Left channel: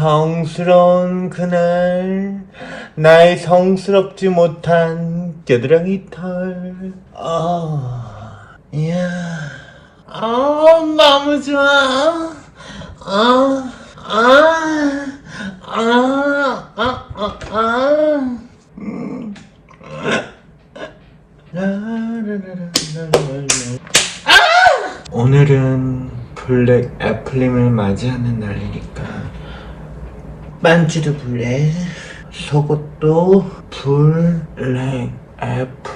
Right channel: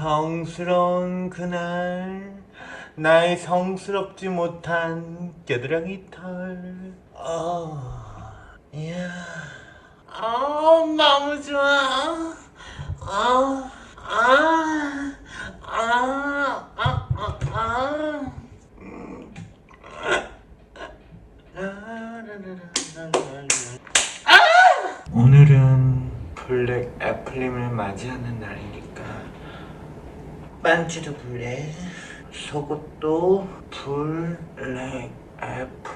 성스러운 그날 나의 성스럽지 못한 겨드랑이 털. 아, 이야, 아 너무 좋아. 아, 아, 아, 아, 아, 아. 음. 라라라라라라라. 오늘은 블랙 애플림을 맞이하는 날이니까 반지도 블랙 속옷도 블랙 애플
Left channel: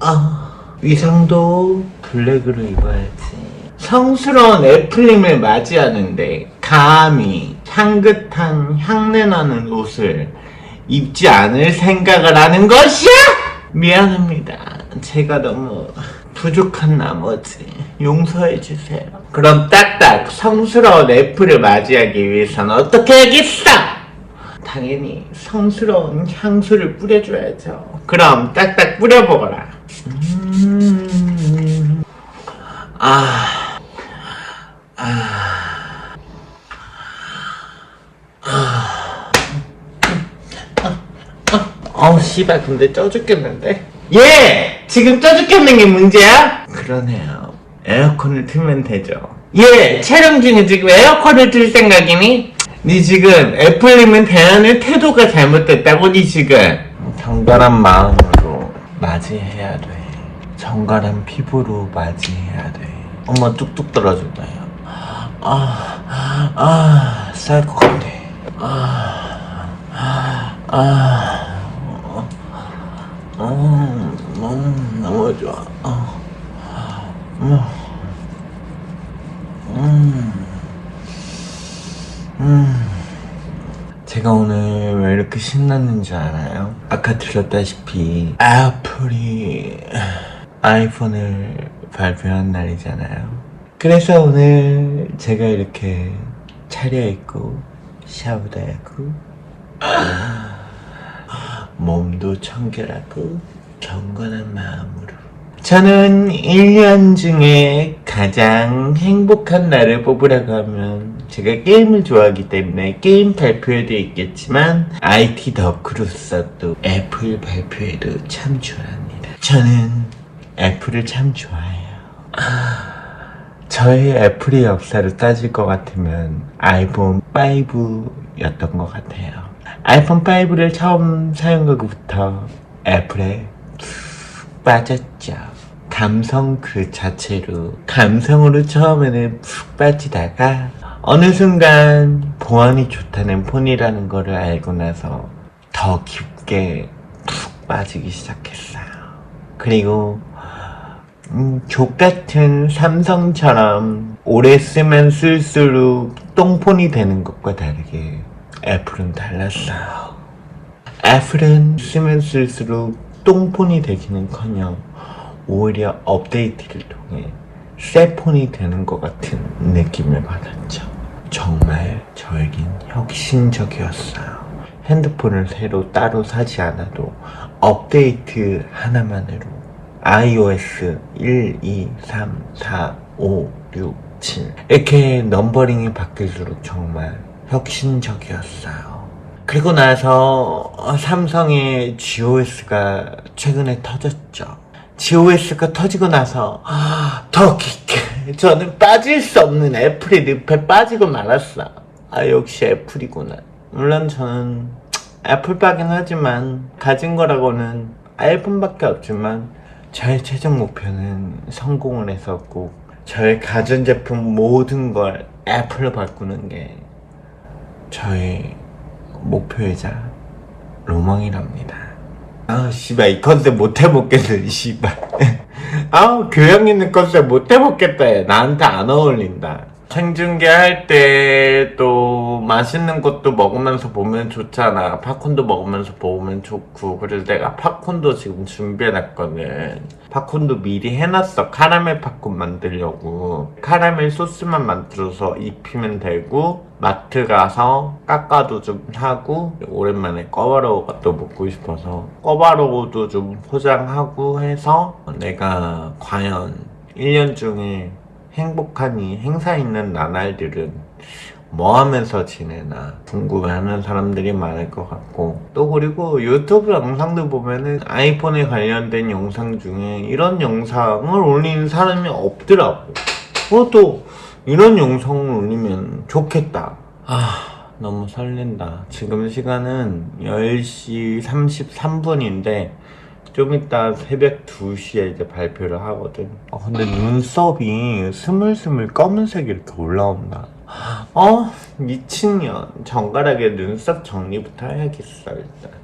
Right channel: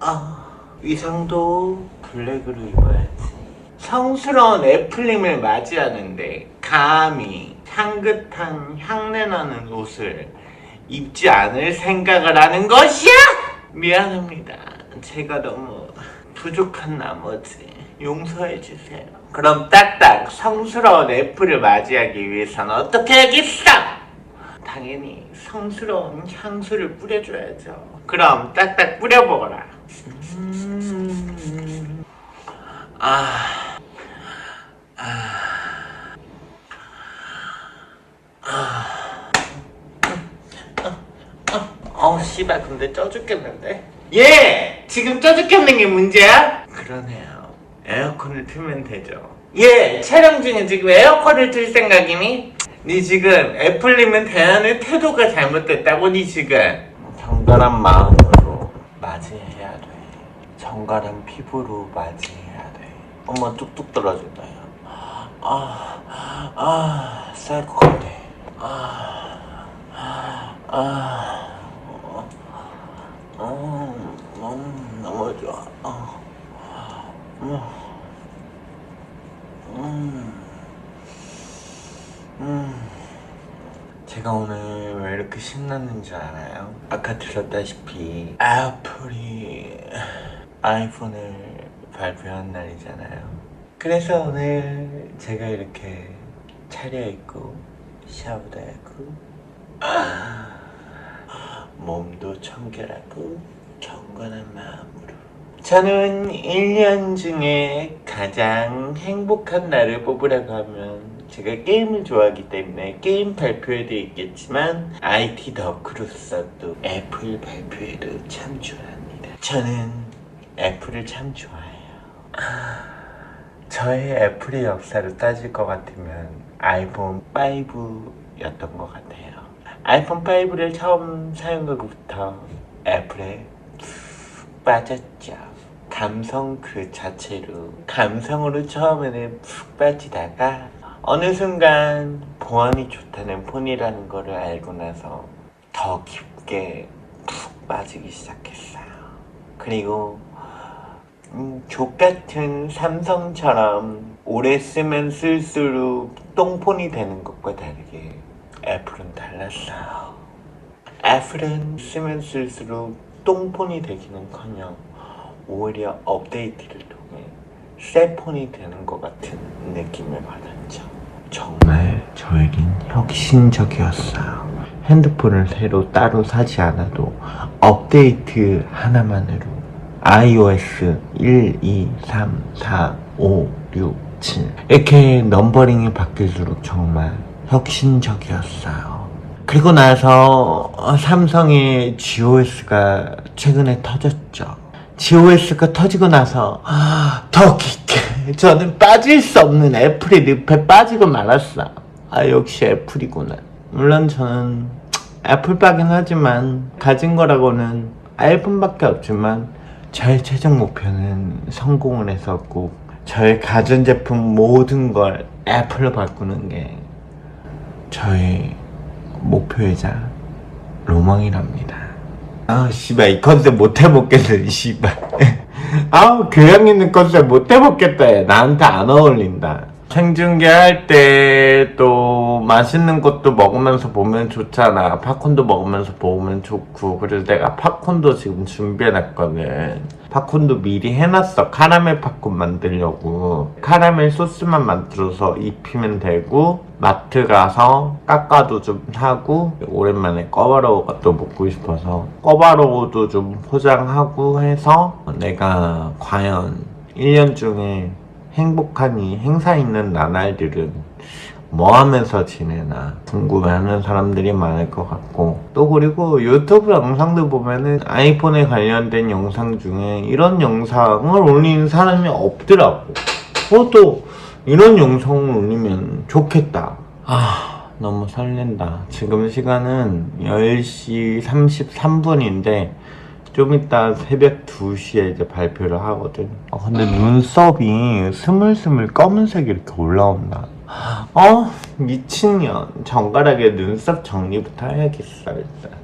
아 위상도 블랙으로 입어야지 성스러운 애플림을 맞이하는데 감히 향긋한 향내 나는 옷을 입지 않을 생각을 하는 것이야! 미안합니다. 제가 너무 부족한 나머지 용서해 주세요. 그럼 딱딱 성스러운 애플을 맞이하기 위해서는 어떻게 하겠어? 당연히 성스러운 향수를 뿌려줘야죠. 그럼 딱딱 뿌려보거라. 음, 아, 아, 어우 씨발 근데 쪄 죽겠는데? 예! 지금 쪄 죽겠는 게 문제야? 그러네요 에어컨을 틀면 되죠 예! 촬영 중에 지금 에어컨을 틀 생각이니? 니 지금 애플님은 대하는 태도가 잘못됐다고 니 지금 정갈한 마음으로 맞이해야 돼 정갈한 피부로 맞이해야 돼 엄마 뚝뚝 떨어진다요 아, 아, 쌀 것 같아 아, 아, 음, 음, 너무 좋아. 어. 음, 음, 제가 오늘 왜 이렇게 신났는지 알아요? 아까 들었다시피 애플이 아이폰을 발표한 날이잖아요. 그래서 오늘 제가 이렇게 차려입고 샤워도 하고 몸도 청결하고 경건한 마음으로 저는 1년 중에 가장 행복한 날을 뽑으라고 하면 제가 게임을 좋아하기 때문에 게임 발표에도 있겠지만 IT 덕후로서 또 애플 발표에도 참 좋아합니다. 저는 애플을 참 좋아해요. 저의 애플의 역사를 따질 것 같으면 아이폰 5였던 것 같아요. 아이폰 5를 처음 사용하고부터 애플에 푹 빠졌죠. 감성 그 자체로 감성으로 처음에는 푹 빠지다가 어느 순간 보안이 좋다는 폰이라는 거를 알고 나서 더 깊게 푹 빠지기 시작했어요. 그리고 음, 족같은 삼성처럼 오래 쓰면 쓸수록 똥폰이 되는 것과 다르게 애플은 달랐어요. 애플은 쓰면 쓸수록 똥폰이 되기는커녕 오히려 업데이트를 통해 새 폰이 되는 것 같은 느낌을 받았죠. 정말 저에겐 혁신적이었어요. 핸드폰을 새로 따로 사지 않아도 업데이트 하나만으로 iOS 1, 2, 3, 4, 5, 6, 7 이렇게 넘버링이 바뀔수록 정말 혁신적이었어요. 그리고 나서 어, 삼성의 GOS가 최근에 터졌죠. GOS가 터지고 나서 아, 더 깊게 저는 빠질 수 없는 애플의 늪에 빠지고 말았어. 아 역시 애플이구나. 물론 저는 애플빠긴 하지만 가진 거라고는 아이폰밖에 없지만 저의 최종 목표는 성공을 해서 꼭 저의 가전제품 모든 걸 애플로 바꾸는 게 저의 목표이자 로망이랍니다. 아, 씨발, 이 컨셉 못 해먹겠네, 씨발. 아우, 교양 있는 컨셉 못 해먹겠다, 얘. 나한테 안 어울린다. 생중계 할 때 또 맛있는 것도 먹으면서 보면 좋잖아. 팝콘도 먹으면서 보면 좋고. 그래서 내가 팝콘도 지금 준비해놨거든. 팝콘도 미리 해놨어. 카라멜 팝콘 만들려고. 카라멜 소스만 만들어서 입히면 되고, 마트 가서 깎아도 좀 사고, 오랜만에 꺼바로우가 또 먹고 싶어서, 꺼바로우도 좀 포장하고 해서, 내가 과연 1년 중에 행복한 이 행사 있는 나날들은 뭐 하면서 지내나 궁금해하는 사람들이 많을 것 같고 또 그리고 유튜브 영상들 보면은 아이폰에 관련된 영상 중에 이런 영상을 올리는 사람이 없더라고. 어, 또 이런 영상을 올리면 좋겠다 아 너무 설렌다 지금 시간은 10시 33분인데 좀 이따 새벽 2시에 이제 발표를 하거든. 어, 근데 눈썹이 스물스물 검은색이 이렇게 올라온다. 어? 미친년. 정갈하게 눈썹 정리부터 해야겠어, 일단.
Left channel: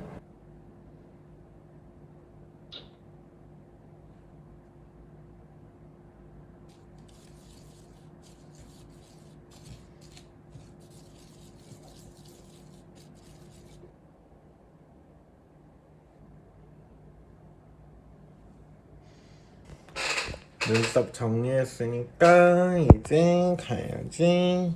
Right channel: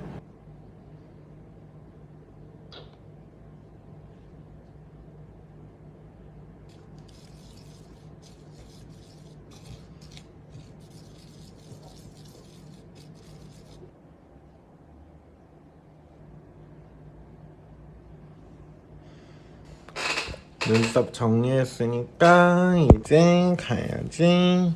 눈썹 정리했으니까 이제 가야지.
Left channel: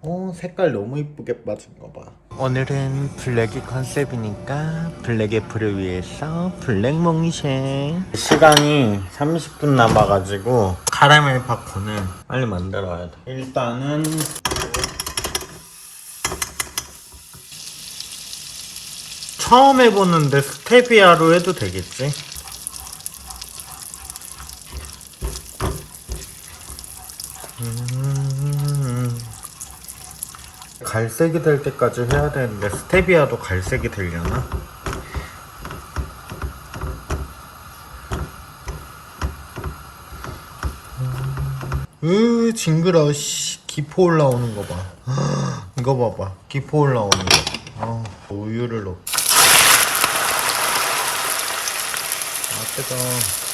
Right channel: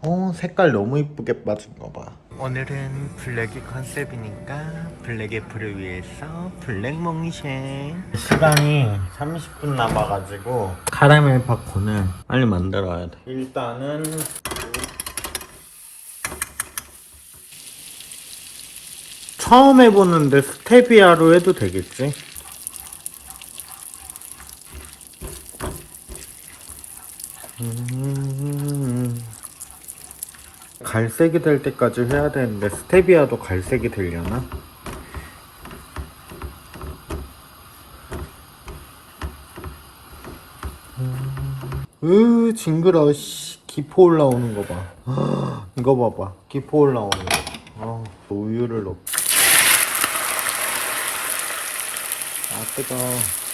어, 색깔 너무 이쁘게 빠진 거 봐. 오늘은 블랙이 컨셉이니까 블랙 애플을 위해서 블랙 몽쉘. 시간이 30분 남아가지고 카라멜 팝콘을 빨리 만들어야 돼. 일단은 처음 해보는데 스테비아로 해도 되겠지? 갈색이 될 때까지 해야 되는데 스테비아도 갈색이 되려나? 으 징그러. 씨 기포 올라오는 거봐. 이거 봐봐. 기포 올라오는 거. 어, 우유를 넣 아, 뜨거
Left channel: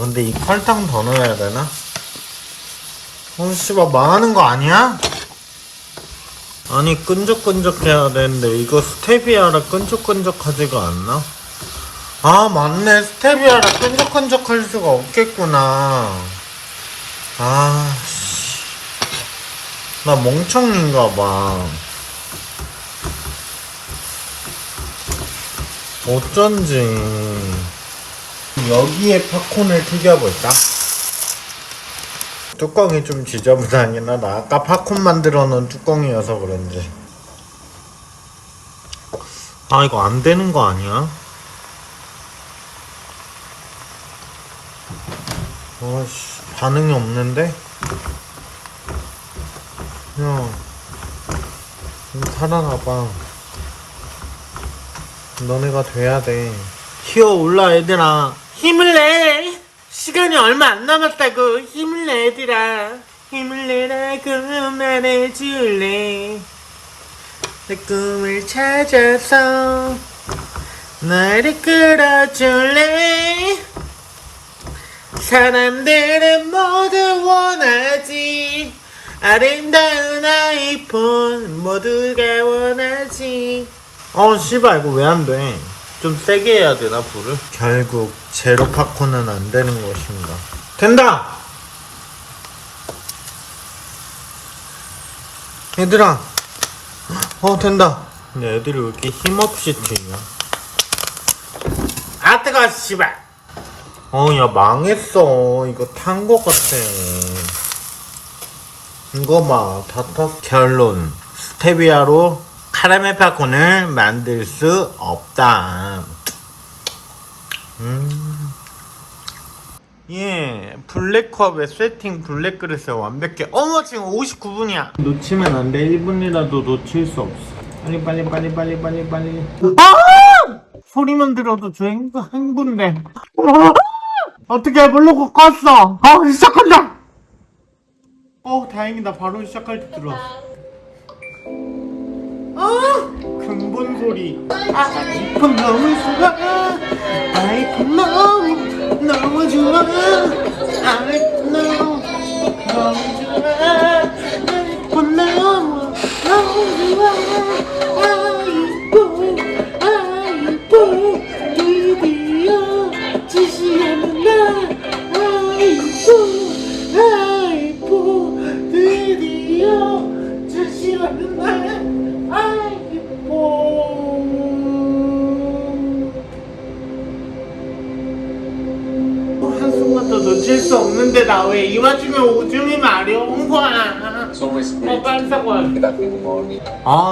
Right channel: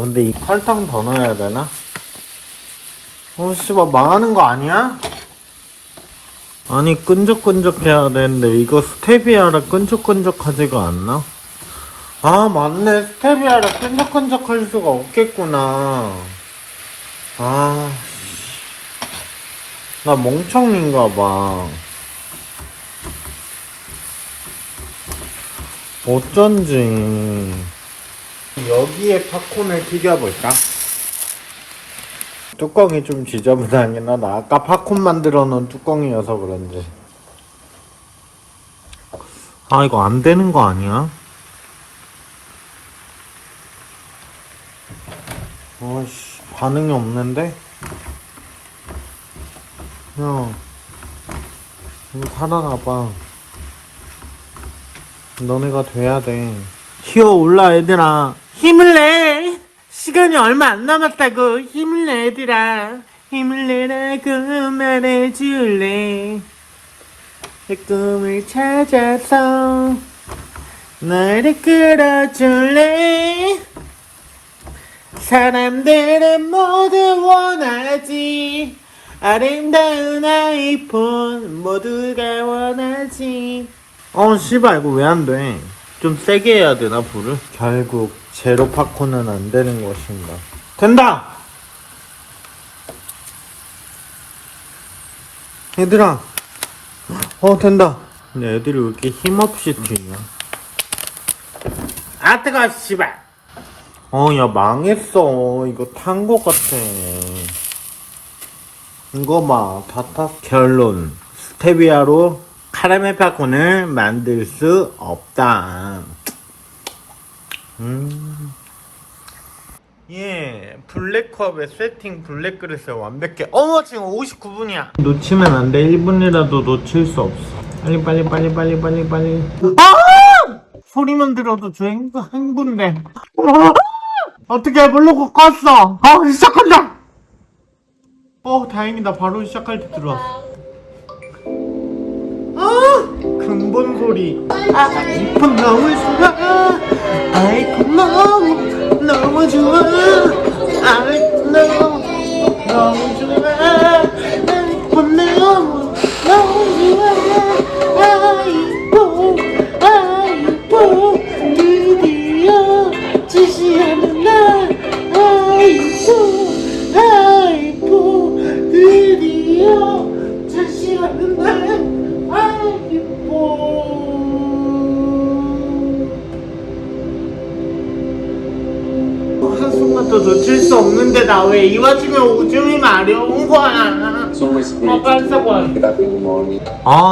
근데 이 설탕 더 넣어야 되나? 어 씨발 망하는 거 아니야? 아니 끈적끈적 해야 되는데 이거 스테비아라 끈적끈적하지가 않나? 아 맞네 스테비아라 끈적끈적 할 수가 없겠구나 아 씨. 나 멍청인가 봐 어쩐지 여기에 팝콘을 튀겨볼까? 뚜껑이 좀 지저분하긴 하다. 아까 팝콘 만들어 놓은 뚜껑이어서 그런지. 아, 이거 안 되는 거 아니야? 어씨, 반응이 없는데? 야, 좀 살아나봐. 너네가 돼야 돼. 휘어 올라, 얘들아. 힘을 내! 시간이 얼마 안 남았다고. 힘을 내, 얘들아. 힘을 내라고 말해줄래. 내 꿈을 찾아서 나를 끌어줄래. 사람들은 모두 원하지. 아름다운 아이폰 모두가 원하지. 어, 씨발, 이거 왜 안 돼? 좀 세게 해야 되나, 불을? 결국, 제로 팝콘은 안 되는 것인가. 된다! 얘들아! 어, 된다! 근데 애들이 왜 이렇게 힘없이 튀냐? 아, 뜨거워, 씨발! 어, 야, 망했어. 이거 탄것 같아. 이거 봐, 다 탔어. 결론. 스테비아로 카라멜 팝콘을 만들 수 없다. 음. 예, 블랙컵에 세팅 블랙 그릇에 완벽해. 어머, 지금 59분이야. 놓치면 안 돼. 1분이라도 놓칠 수 없어. 빨리, 빨리, 빨리, 빨리, 빨리, 빨리. 아! 소리만 들어도 저 행, 행분돼. 아! 어떻게 모르고 껐어. 아, 시작한다. 어, 다행이다. 바로 시작할 때 들어왔어. 근본 소리. 아, 아이폰 너무 좋아. 아이폰 너무, 너무 좋아. 아이폰 너무, 너무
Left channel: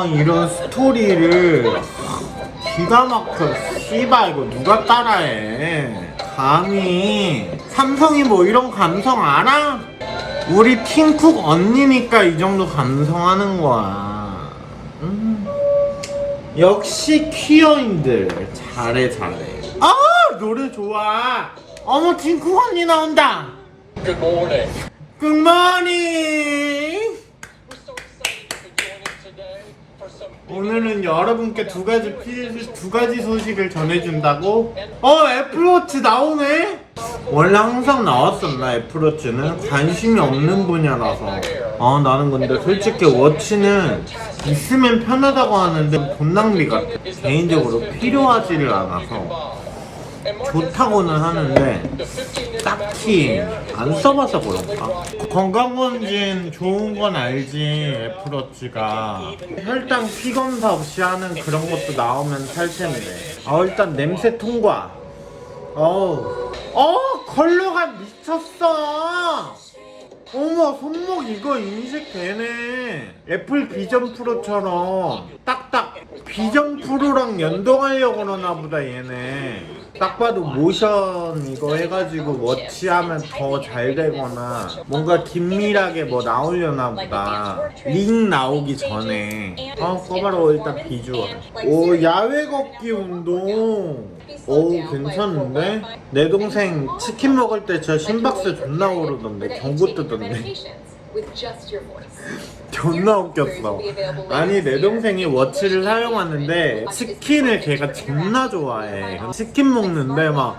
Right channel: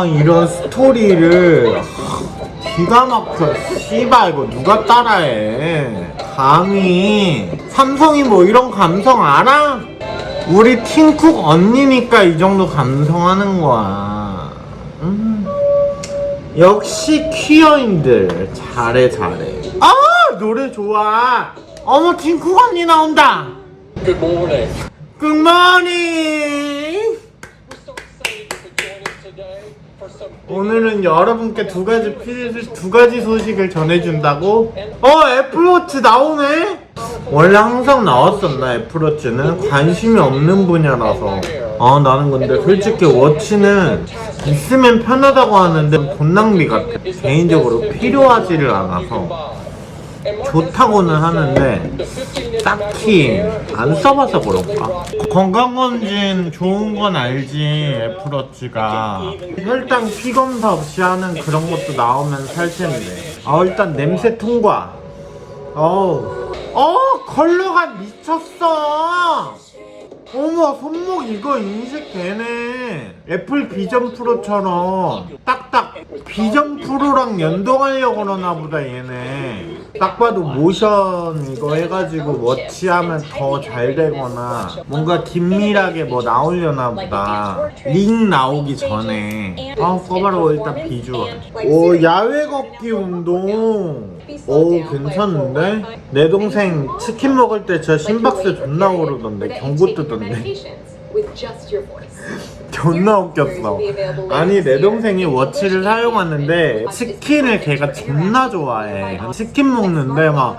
아 이런 스토리를 기가 막혀 씨발 이거 누가 따라해? 감히. 삼성이 뭐 이런 감성 알아? 우리 팅쿡 언니니까 이 정도 감성하는 거야. 음. 역시 퀴어인들. 잘해 잘해. 아 노래 좋아. 어머 팅쿡 언니 나온다. Good morning. 굿모닝 오늘은 여러분께 두 가지 피- 두 가지 소식을 전해준다고? 어 애플워치 나오네? 원래 항상 나왔었나 애플워치는 관심이 없는 분야라서 아 나는 근데 솔직히 워치는 있으면 편하다고 하는데 돈 낭비 같아 개인적으로 필요하지를 않아서 좋다고는 하는데 딱히 안 써봐서 그런가? 건강검진 좋은 건 알지 애플워치가. 혈당 피 검사 없이 하는 그런 것도 나오면 살 텐데. 아 일단 냄새 통과. 어우. 어 컬러가 미쳤어 어머 손목 이거 인식 되네. 애플 비전 프로처럼 딱딱 비전 프로랑 연동하려고 그러나 보다 얘네. 딱 봐도 모션 이거 해가지고 워치하면 더 잘 되거나 뭔가 긴밀하게 뭐 나오려나 보다. 링 나오기 전에. 아 써봐라 일단 비주얼. 오 야외 걷기 운동 오 괜찮은데? 내 동생 치킨 먹을 때 저 심박수 존나 오르던데 경고 뜨던데 존나 웃겼어. 아니 내 동생이 워치를 사용하는데 치킨을 걔가 존나 좋아해. 치킨 먹는데 막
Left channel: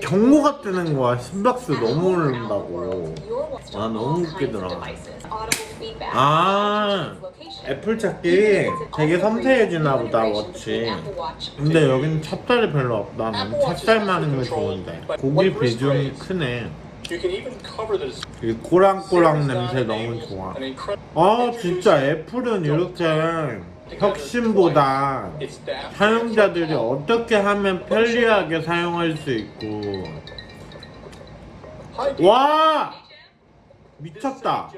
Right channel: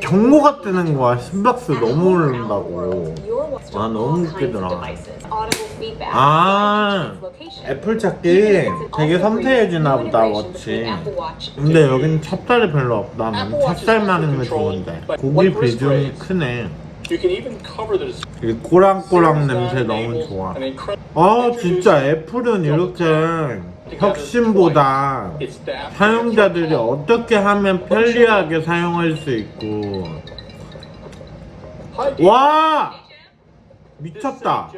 경고가 뜨는 거야. 심박수 너무 오른다고. 와 너무 웃기더라. 아 애플 찾기 되게 섬세해지나 보다 워치. 근데 여긴 찹쌀이 별로 없다 면 찹쌀 많은 게 좋은데. 고기 비중이 크네 이 꼬랑꼬랑 냄새 너무 좋아. 아 진짜 애플은 이렇게 혁신보다. 사용자들이 어떻게 하면 편리하게 사용할 수 있고 와 미쳤다.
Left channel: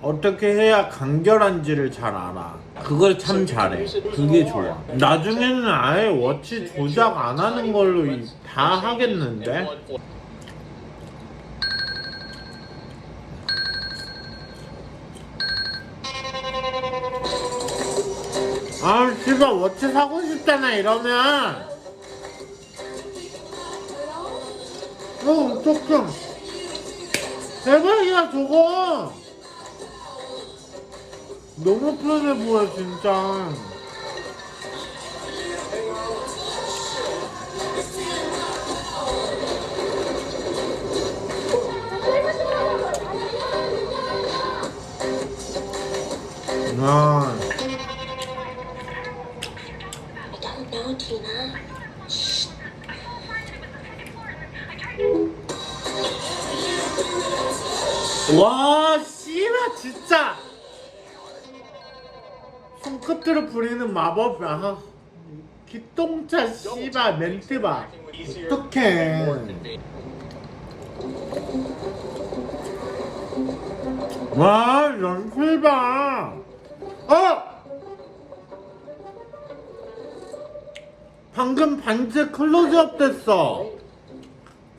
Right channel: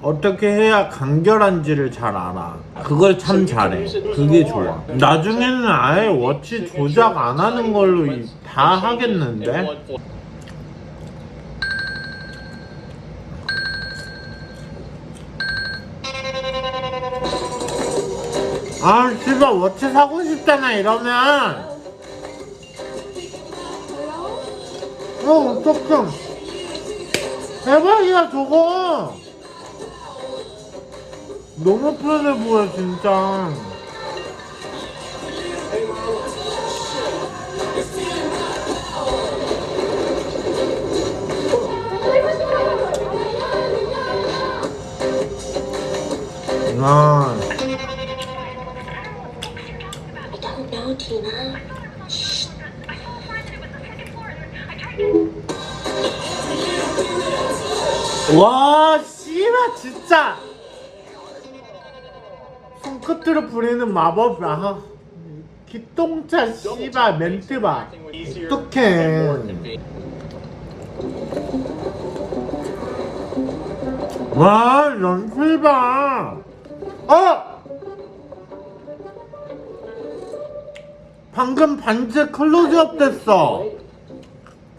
어떻게 해야 간결한지를 잘 알아 그걸 참 잘해 그게 좋아 나중에는 아예 워치 조작 안 하는 걸로 이- 다 하겠는데 아 씨발 워치 사고 싶잖아 이러면. 어 어떡해. 대박이야 저거. 너무 편해 보여 진짜 진짜. 손끝으로 부리는 마법. 아, 기똥차 씨발 멘트 봐. 어떡해. 와, 연출 봐. 어! 방금 반지 클로즈업 됐어.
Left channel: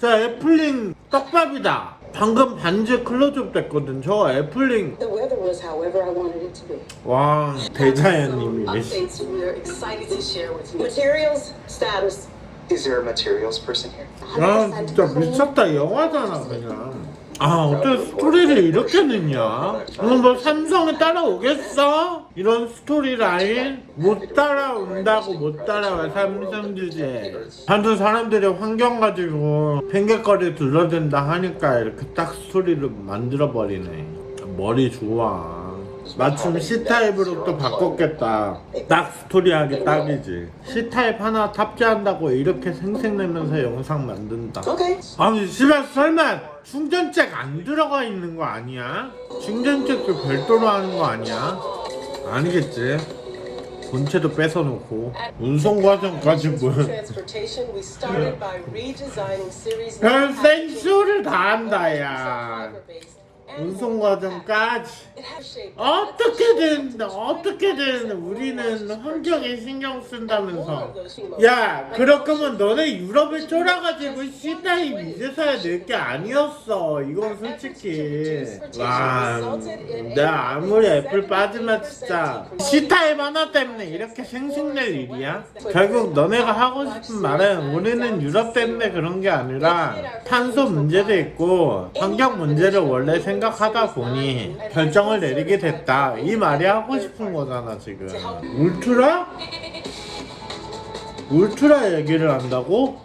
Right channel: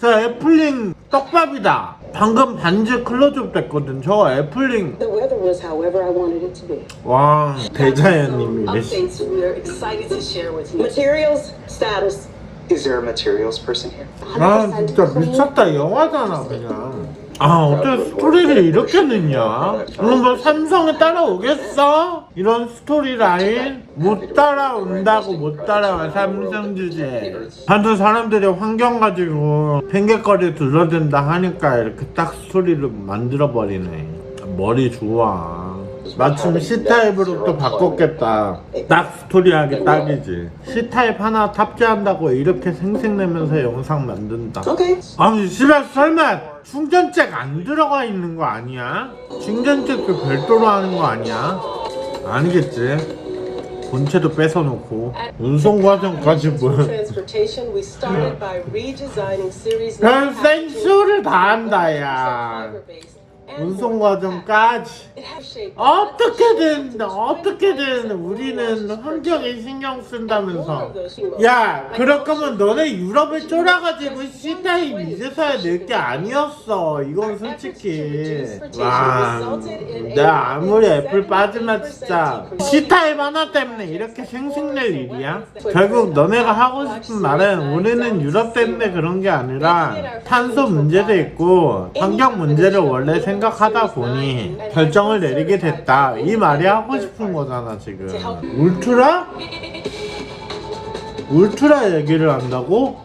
저 애플링 떡밥이다. 방금 반지 클로즈업 됐거든. 저 애플링. The weather was however I wanted it to be. 와, 대자연님이네. Updates we are excited to share with you. Materials, status. Is there a materials person here? 아, 진짜 미쳤다. 영화잖아, 그냥. 아, 어떻게 스토리를 이렇게 넣냐? 그럼 뭐 삼성에 따라오겠어? 이런 스토리 라인? 못 따라온다고 못 따라와, 삼성 주제. 하도 사람들이 환경 가지고 팽개거리 둘러댄다 하니까 이렇게 딱 스토리를 만들어버리네. 머리 좋아. 마침 C타입으로 또 바꿨겠다. 딱 스토리 하기 딱이지. C타입 하나 탑재한다고 이렇게 생색내면서 영상 만든다. Okay. 아니 집에 설마 충전잭 안 들어가 있는 거 아니야? 충전잭도 별도로 하는 거 아니야? 아니겠지? 본체도 뺏어놓고 운송 과정까지 series 별 생쇼를 다 한다 야 운송 과정까지 어떻게든 어떻게든 우리는 환경에 신경 쓴다면서. 야 그럴 거면 너네 유럽에 쫄아가지고 C타입 이제서야 낼 게 아니었어. 이건 솔직히. 와 내가 아무리 애플 빠지면 진짜 C타입 하나 때문에 이렇게 생색낼 일이야? 결국 너네가 하고 싶은 말은 우리는 유럽 때문에 그런 게 아니라 탄소 문제도 있고 환경 문제를 원래 생각 하다 보니 결정을 내리게 됐다 이 말이 하고 싶은 거잖아 지금 울트라? 울트라 얘기를 한다고?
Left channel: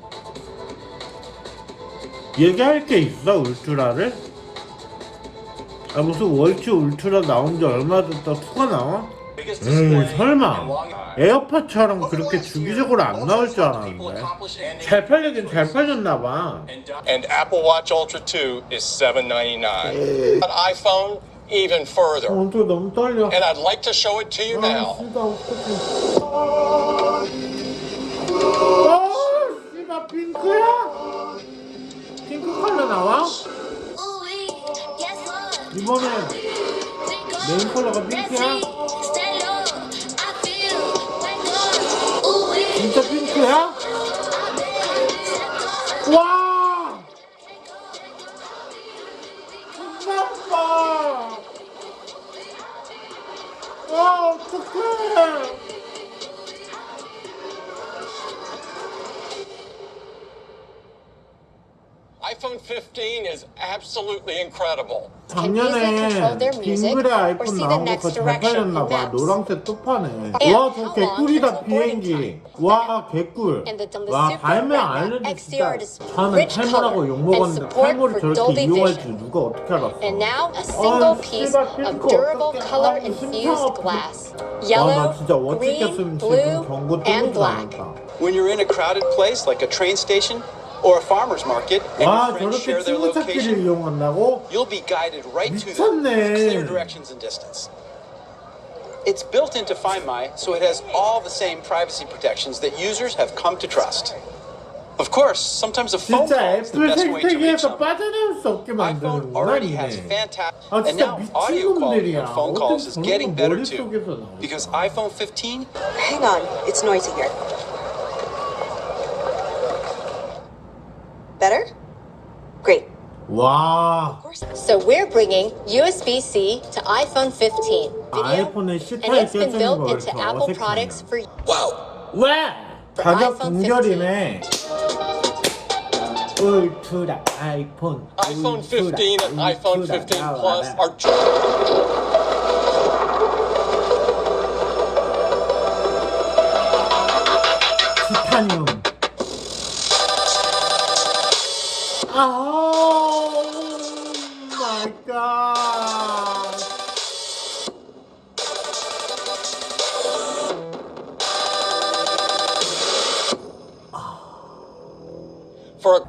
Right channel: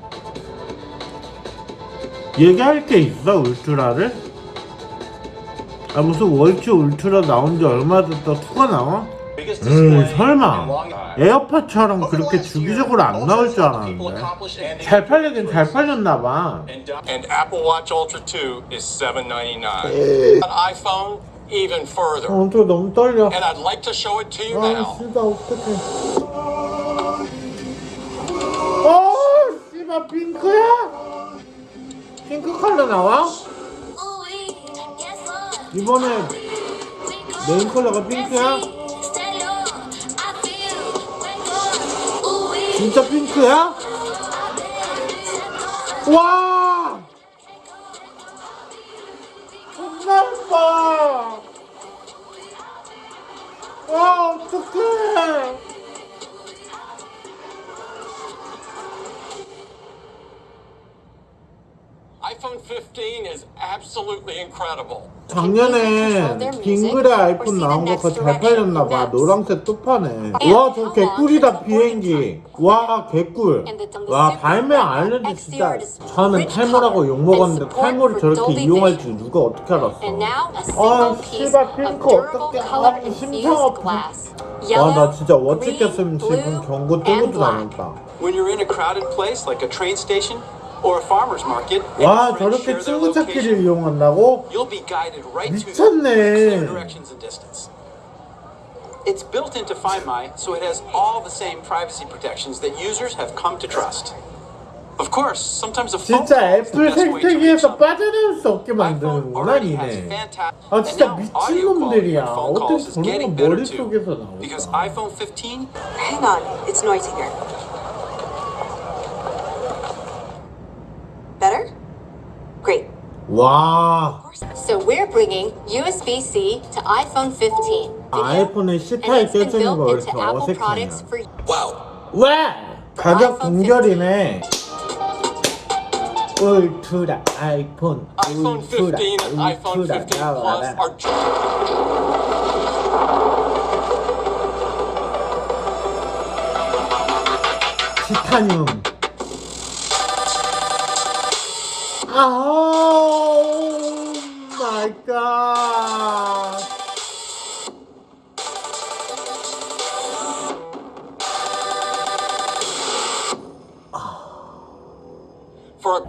얘기할 게 있어 울트라를? 아 무슨 월츠 울트라 나온 지 얼마 됐다 투가 나와? 음 설마 에어팟처럼 그렇게 주기적으로 안 나올 줄 알았는데 잘 팔리긴 잘 팔렸나봐 And Apple Watch Ultra 2 is $7.99. An iPhone, even further. 어, 또 너무 떨려 And I'd like to show it to you 아 now. 씨발 어떡해 어 씨발 핑크야? 핑크 컬러 나와? 이번에 메인 컬러가 핑크야? 진짜 핑크야? 와! 존나 예뻐! 아, 어떡해! iPhone 15 is absolutely incredible. 작년에 빙그레 아이폰 나온 거더잘 팔렸나 봐. 노란색 또 파네. 와, 저 개꿀이다, 비행기. 와, 개꿀. 와, 발매 안 했는데 진짜. 처음엔 탈모라고 욕 먹었는데 탈모를 저렇게 이용할 줄 누가 어떻게 알았어. And now a 아, 씨발, of 핑크 color 아, 심장 아파. glass. 와, 나 진짜 blue, 지금 경고 뜨고도 black. 남았다. When you're in a crowded place like a train station or a farmer's market and 와, your friends 저렇게 share their 친구 찾기를 location, 이용한다고? you'll be guided right to them. 미쳤네. Clear directions and distance. It's built into Find My, so it has all the same privacy protections that users have come to trust. Of course, sometimes a phone 진짜 call is the 애플 best way to reach 생태계에서 them. 빠져나올 수 없게 iPhone 만드는구나 already has 니네 fantastic, 아 and 진짜 now audio quality 미친놈들이야 on phone 어떻게 calls is 저런 getting 거 better too. 머릿속에서 Because 나올까 iPhone 15 Hang on, it's noisy here. Better? Great. 와 So we're bringing USB-C to iPhone 15. Video, 아이폰에 and C타입 it's been 껴주는 거 built 왜 into 이렇게 Apple 어색하냐 products for 왜? 가격 아이폰 동결이네 울트라 아이폰 iPhone 울트라 15 and iPhone 울트라 15 Plus 나와라 are just 티타늄 아우 마이 갓 for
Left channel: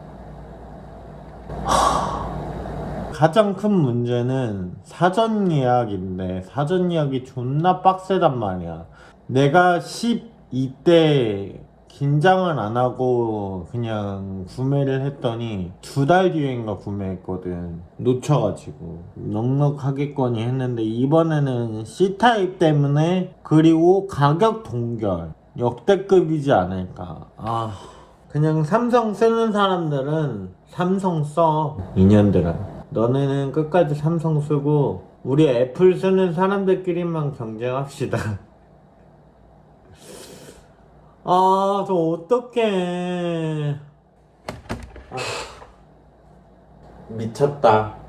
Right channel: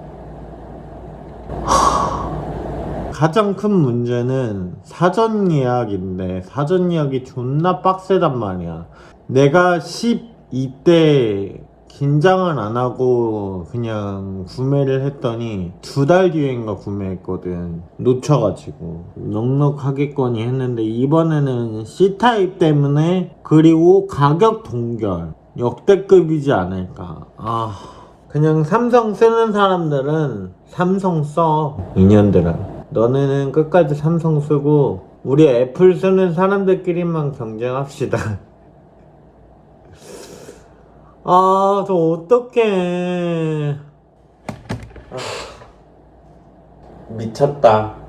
가장 큰 문제는 사전 예약인데 사전 예약이 존나 빡세단 말이야. 내가 12대 긴장을 안 하고 그냥 구매를 했더니 두 달 뒤인가 구매했거든. 놓쳐가지고 넉넉하겠거니 했는데 이번에는 C타입 때문에 그리고 가격 동결 역대급이지 않을까. 아 그냥 삼성 쓰는 사람들은 삼성 써. 인연들아. 너네는 끝까지 삼성 쓰고 우리 애플 쓰는 사람들끼리만 경쟁합시다. 아, 저 어떡해. 아, 미쳤다.